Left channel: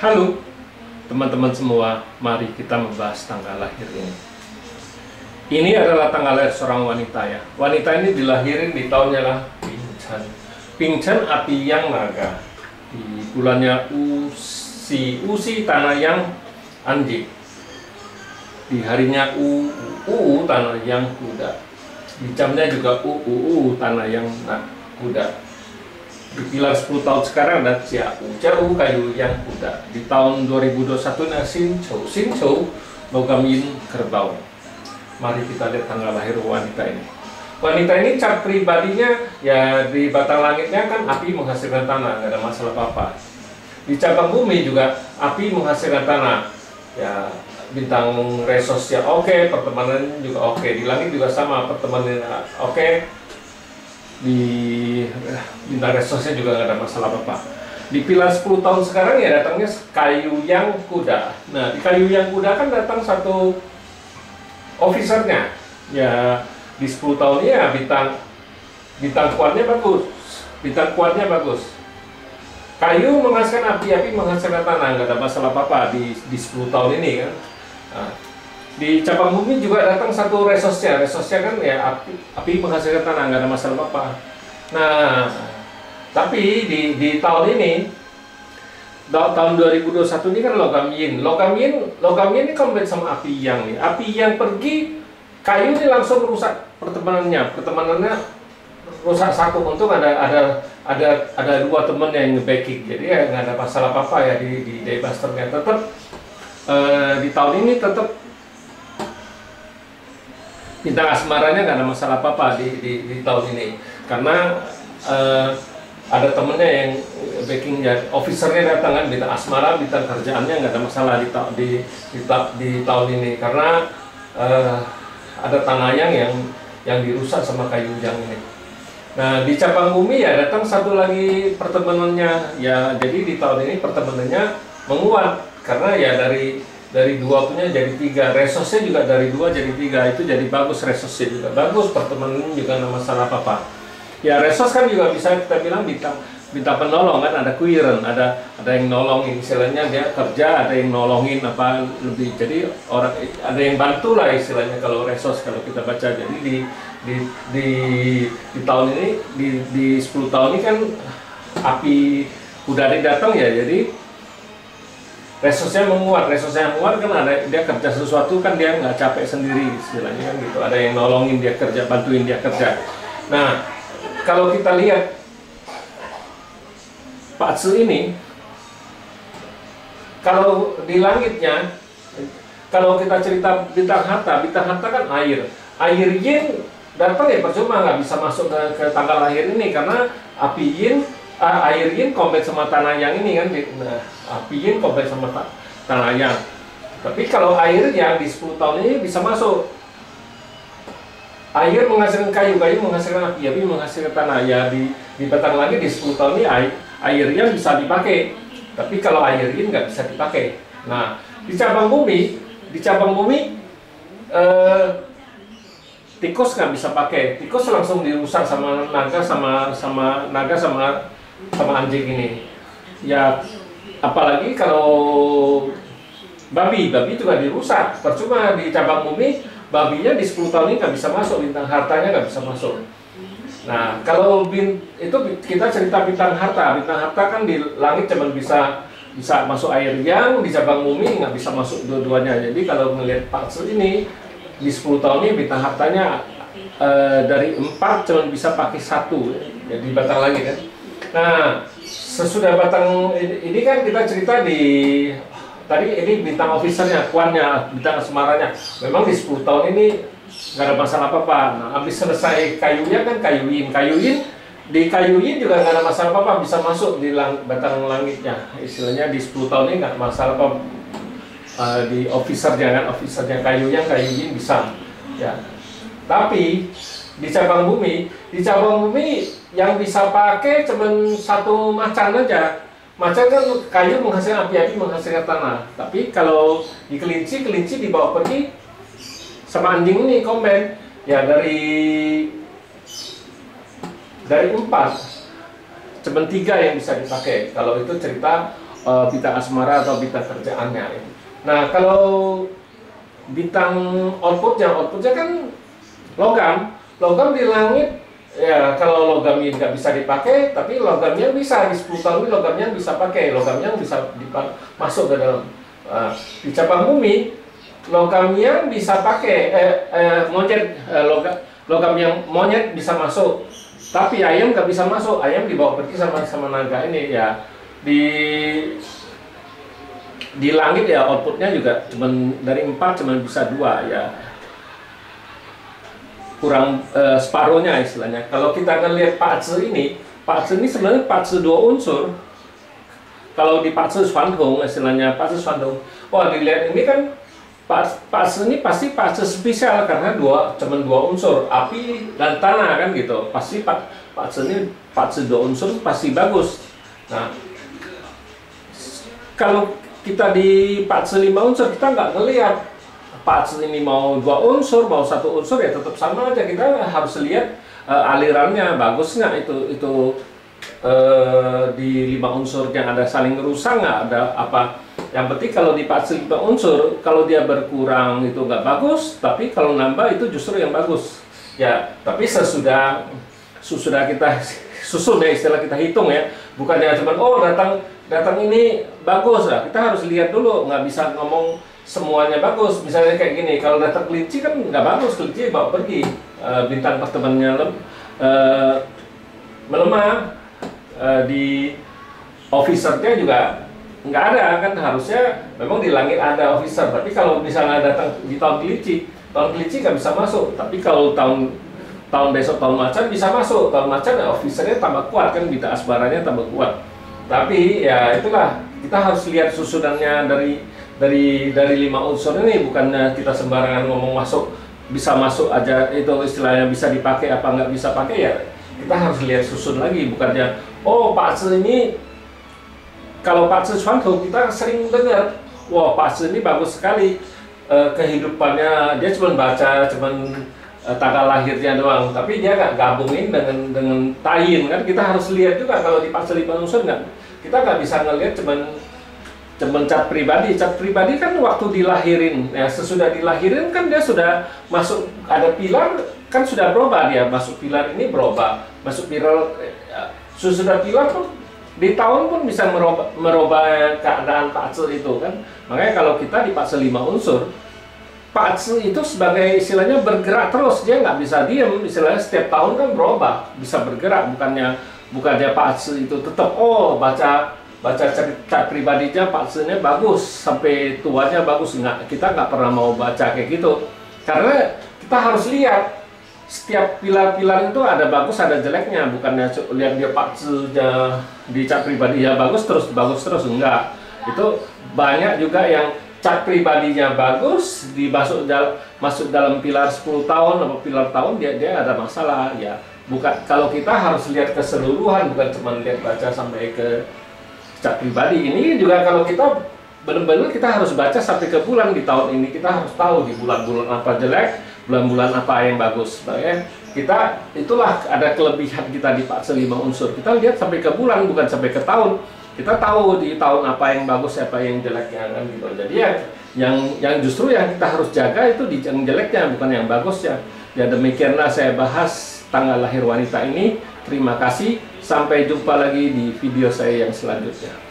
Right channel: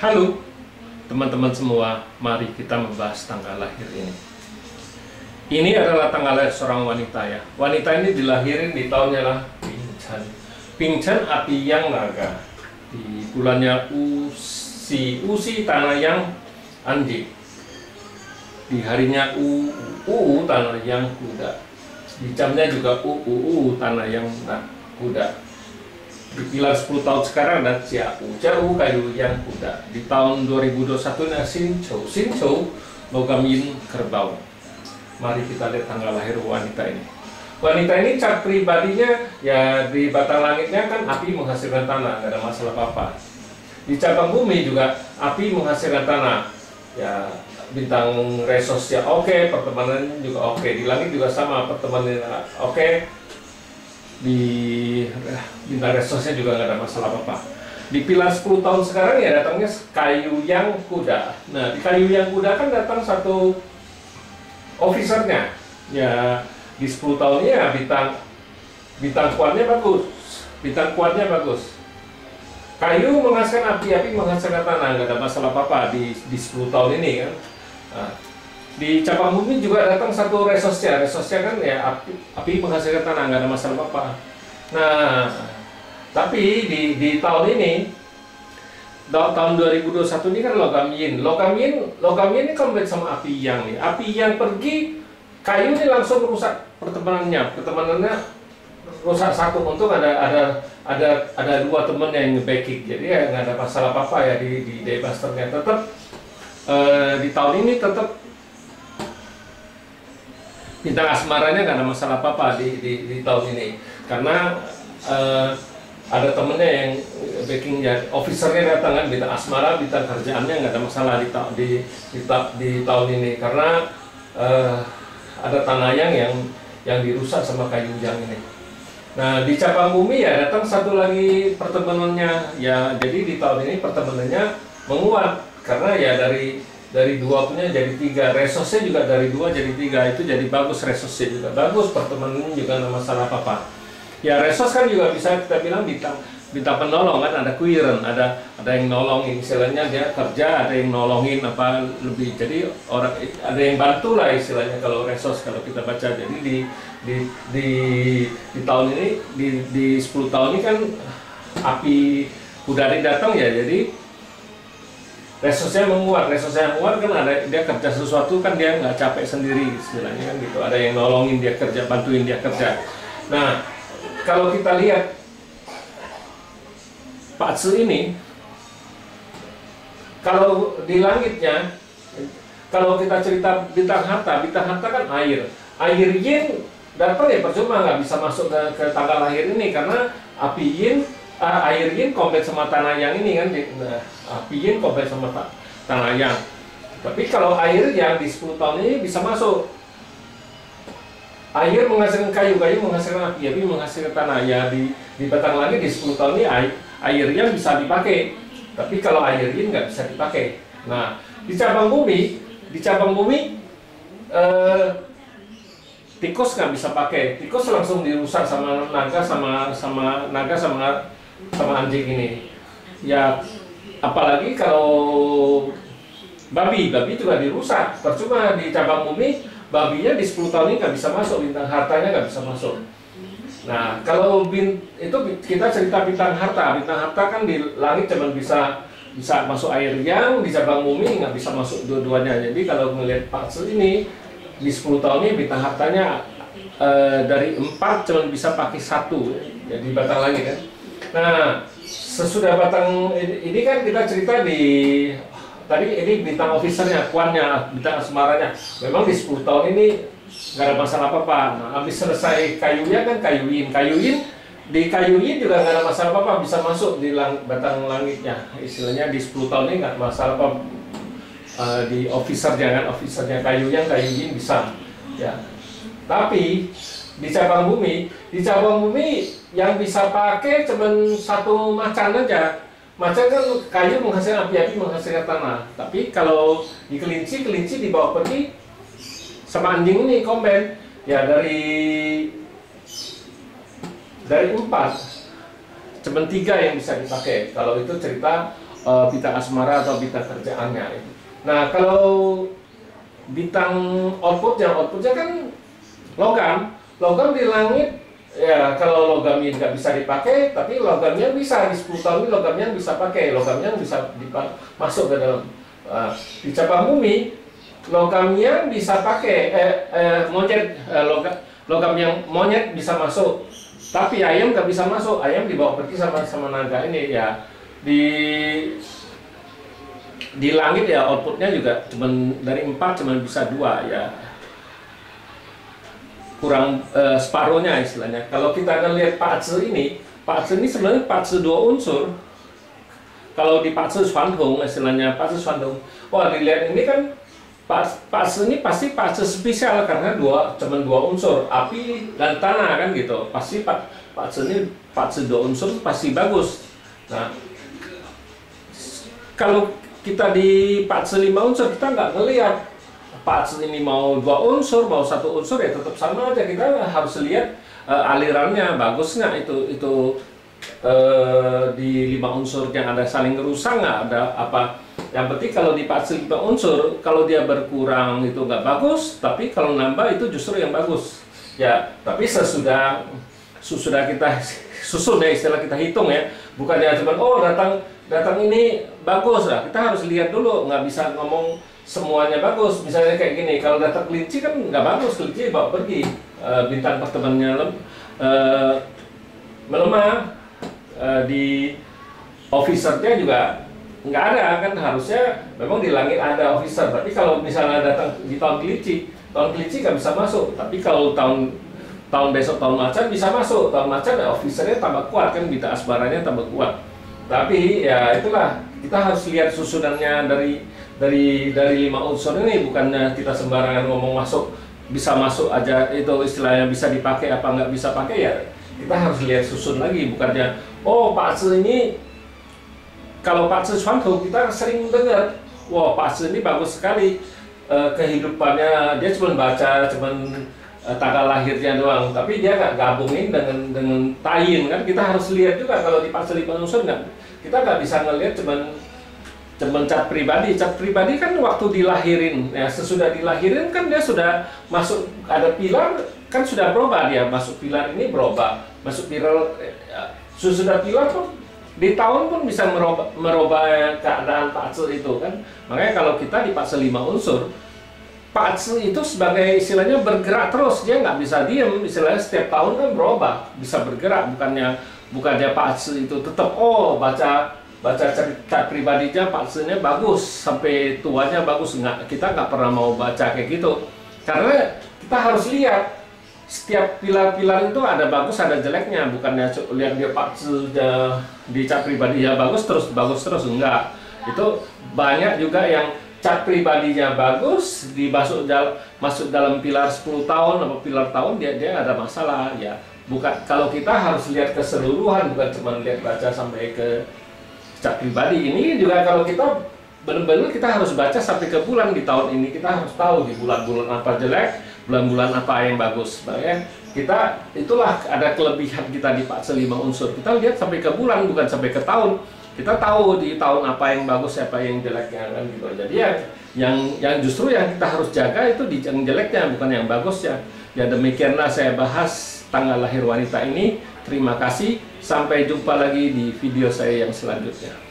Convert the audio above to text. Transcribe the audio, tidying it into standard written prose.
Halo teman-teman semua, mari kita membahas tanggal lahir ini. Ini adalah tanggal lahir seorang wanita ya. Wanita ini dilahirin di tahunnya lah Pinchan. Pinchan api yang naga. Di bulannya Usi tanah yang Anjing. Di harinya tanah yang kuda. Di jamnya juga tanah yang kuda. Di pilar 10 tahun sekarang ada Ciau kayu yang kuda. Di tahun 2021 ada Sinchou logam yin kerbau. Mari kita lihat tanggal lahir wanita ini. Wanita ini cat pribadinya ya di batang langitnya kan api menghasilkan tanah, nggak ada masalah apa-apa. Di cabang bumi juga api menghasilkan tanah. Ya bintang resosnya oke, pertemanan juga oke. Di langit juga sama, pertemanan oke. Di bintang resosnya juga nggak ada masalah apa-apa. Di pilar 10 tahun sekarang ya datangnya kayu yang kuda. Nah di kayu yang kuda kan datang satu officernya. Ya di 10 tahun ini ya bintang kuatnya bagus. Bintang kuatnya bagus. Kayu menghasilkan api menghasilkan tanah, nggak ada masalah apa-apa di 10 tahun ini kan. Nah, di cabang bumi juga datang satu resosnya kan ya api menghasilkan tanah, nggak ada masalah apa-apa. Nah, tapi di tahun ini, tahun 2021 ini kan logam yin ini komplit sama api yang nih. Api yang pergi, kayu ini langsung rusak pertemanannya rusak satu. Untung ada dua temen yang nge-backing, jadi ya nggak ada masalah apa-apa ya di Daybusternya. Tetap di tahun ini tetap bintang asmaranya nggak ada masalah apa-apa di tahun ini, karena ada temennya yang backing ya, officernya datang kan, bintang asmara, bintang kerjaannya nggak ada masalah di tahun ini, karena ada tanayang yang dirusak sama kayu yang ini. Nah di cabang bumi ya datang satu lagi pertemanannya ya, jadi di tahun ini pertemanannya menguat karena ya dari 2 punya jadi 3, resosnya juga dari 2 jadi 3, itu jadi bagus, resosnya juga bagus, pertemanannya juga nggak masalah apa-apa. Ya resos kan juga bisa kita bilang bintang penolong kan, ada kuiren, ada yang nolongin, istilahnya dia kerja, ada yang nolongin apa lebih, jadi orang ada yang bantu lah istilahnya kalau resos kalau kita baca. Jadi di tahun ini di 10 tahun ini kan api udara datang ya, jadi resosnya menguat kan, ada dia kerja sesuatu kan dia nggak capek sendiri istilahnya kan gitu, ada yang nolongin dia kerja, bantuin dia kerja. Nah kalau kita lihat Pak Tzu ini, kalau di langitnya, kalau kita cerita bintang harta kan air yin datang ya percuma, nggak bisa masuk ke tanggal lahir ini karena api yin, air yin komplit sama tanah yang ini kan. Nah, api yin komplit sama tanah yang. Tapi kalau air yang di 10 tahun ini bisa masuk. Air menghasilkan kayu menghasilkan api menghasilkan tanah. Ya di batang langit di 10 tahun ini air yang bisa dipakai. Tapi kalau air yin nggak bisa dipakai. Nah di cabang bumi tikus nggak bisa pakai. Tikus langsung dirusak sama naga sama anjing ini. Ya apalagi kalau babi juga dirusak. Percuma di cabang bumi, babinya di 10 tahun ini nggak bisa masuk, bintang hartanya nggak bisa masuk. Nah kalau itu kita cerita bintang harta kan di langit cuma bisa masuk air yang, di cabang bumi nggak bisa masuk dua-duanya. Jadi kalau melihat Pak Tzu ini di 10 tahun ini bintang hartanya dari 4 cuma bisa pakai 1 jadi batang lagi kan. Nah sesudah batang ini kan kita cerita tadi ini bintang officernya, kuannya, bintang asmaranya. Memang di 10 tahun ini nggak ada masalah apa-apa. Nah habis selesai kayunya kan kayu yin di kayu yin juga nggak ada masalah apa-apa, bisa masuk di batang langitnya. Istilahnya di 10 tahun ini nggak masalah apa. Di officernya kayu yin bisa ya. Tapi di cabang bumi yang bisa pakai cuma satu macan aja. Macan kan kayu menghasilkan api menghasilkan tanah. Tapi kalau di kelinci dibawa pergi sama anjing ini komben ya, dari 4 cuma 3 yang bisa dipakai. Kalau itu cerita bintang asmara atau bintang kerjaannya. Nah, kalau bintang outputnya kan logam di langit ya. Kalau logamnya nggak bisa dipakai, tapi logamnya bisa di 10 tahun ini logamnya bisa pakai, logamnya bisa masuk ke dalam di cabang bumi. Logamnya bisa pakai monyet, logam yang monyet bisa masuk, tapi ayam nggak bisa masuk. Ayam dibawa pergi sama naga ini ya. Di langit ya outputnya juga dari 4 cuma bisa 2 ya, kurang separuhnya istilahnya. Kalau kita ngelihat Pazi ini sebenarnya Pazi 2 unsur. Kalau di Pazi Swanhong istilahnya Pazi Swanhong, wah dilihat ini kan Pazi ini pasti Pazi spesial karena cuma 2 unsur, api dan tanah kan gitu. Pasti Pazi ini Pazi 2 unsur pasti bagus. Nah, kalau kita di Pazi 5 unsur kita nggak ngelihat Pazi ini mau 2 unsur, mau 1 unsur ya tetap sama aja. Kita harus lihat alirannya bagus nggak itu di 5 unsur yang ada saling ngerusak nggak, ada apa. Yang penting kalau di Pazi 5 unsur, kalau dia berkurang itu nggak bagus, tapi kalau nambah itu justru yang bagus ya. Tapi sesudah kita susun ya, istilah kita hitung ya, bukannya cuma oh datang ini bagus lah. Kita harus lihat dulu, nggak bisa ngomong semuanya bagus. Misalnya kayak gini, kalau datang kelinci kan nggak bagus, kelinci bawa pergi, bintang pertemanannya melemah, di officernya juga nggak ada kan. Harusnya memang di langit ada officer, tapi kalau misalnya datang di tahun kelinci nggak bisa masuk. Tapi kalau tahun besok, tahun macan bisa masuk. Tahun macan ya officernya tambah kuat kan, bintang asmaranya tambah kuat. Tapi ya itulah, kita harus lihat susunannya dari 5 unsur ini, bukannya kita sembarangan ngomong bisa masuk aja, itu istilahnya bisa dipakai apa nggak bisa pakai ya. Kita harus lihat susun lagi, bukannya oh Pazi ini, kalau Pazi Swanhong kita sering dengar, wah Pazi ini bagus sekali, kehidupannya dia cuma baca tanggal lahirnya doang, tapi dia nggak gabungin dengan tayin kan. Kita harus lihat juga kalau di Pazi 5 unsur kita nggak bisa ngelihat cuman cat pribadi. Cat pribadi kan waktu dilahirin ya, sesudah dilahirin kan dia sudah masuk, ada pilar kan, sudah berubah dia, masuk pilar ini berubah, masuk pilar sesudah pilar pun di tahun pun bisa merubah keadaan Pazi itu kan. Makanya kalau kita di Pazi 5 unsur, Pazi itu sebagai istilahnya bergerak terus, dia nggak bisa diem, istilahnya setiap tahun kan berubah, bisa bergerak. Bukannya Pazi itu tetap baca cerita pribadinya, Pazi-nya bagus sampai tuanya bagus, kita nggak pernah mau baca kayak gitu, karena kita harus lihat setiap pilar-pilar itu ada bagus ada jeleknya. Bukannya lihat dia Pazi-nya di cat pribadinya bagus terus enggak. Itu banyak juga yang cat pribadinya bagus, masuk dalam pilar 10 tahun atau pilar tahun dia ada masalah ya. Bukan, kalau kita harus lihat keseluruhan, bukan cuma lihat baca sampai ke cat pribadi. Ini juga kalau kita benar-benar kita harus baca sampai ke bulan. Di tahun ini kita harus tahu di bulan-bulan apa jelek, bulan-bulan apa yang bagus. Makanya itulah ada kelebihan kita di Pazi 5 unsur. Kita lihat sampai ke bulan, bukan sampai ke tahun. Kita tahu di tahun apa yang bagus, apa yang jeleknya kan gitu. Jadi yang justru yang kita harus jaga itu di yang jeleknya, bukan yang bagusnya. Ya demikianlah saya bahas tanggal lahir wanita ini. Terima kasih. Sampai jumpa lagi di video saya yang selanjutnya.